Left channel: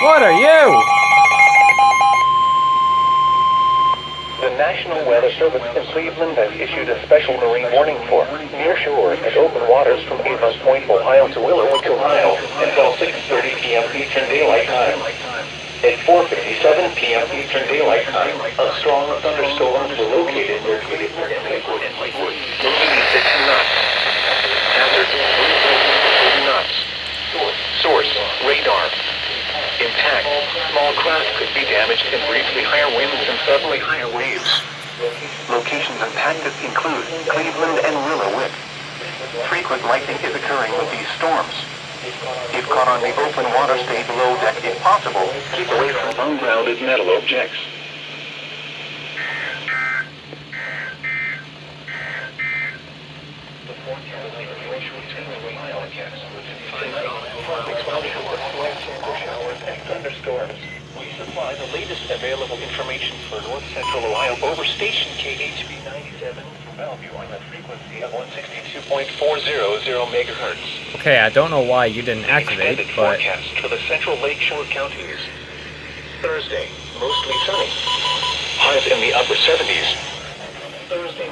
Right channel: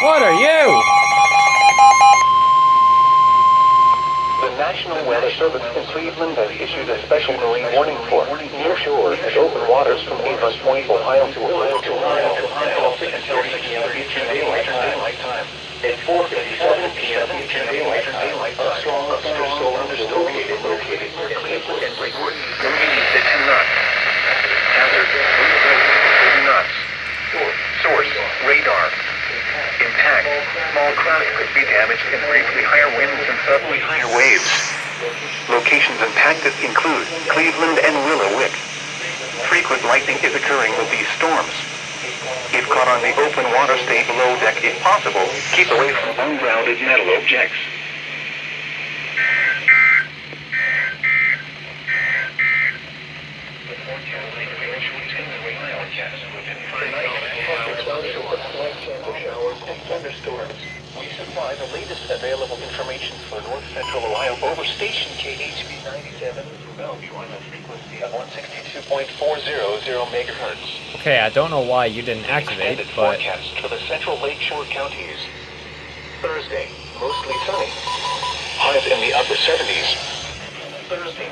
What are you? The National Weather Service in Cleveland has issued a special marine warning for near shore and open waters from Avon Point, Ohio to Willow, until 6:30 p.m. Eastern Daylight Time. At 4:57 p.m. Eastern Daylight Time, a strong thunderstorm is located near Lakewood. Winds at 2 knots. Hazard, 30 knots. Source, radar. Impact, small craft could be damaged in briefly higher winds and suddenly higher waves. Locations impacted include Cleveland and Willowick. Frequent lightning is occurring with these storms. If caught on the open water, stay below deck if possible. Keep away from ungrounded metal objects. Thunderstorms. We supply the latest available information for North Central Ohio over station KHB 97 from Bellevue on a frequency of 162.400 megahertz. Okay, I don't know why you didn't activate, Extended but... forecast for the central lakeshore counties. Thursday, mostly sunny. Highs in the upper 70s. Thursday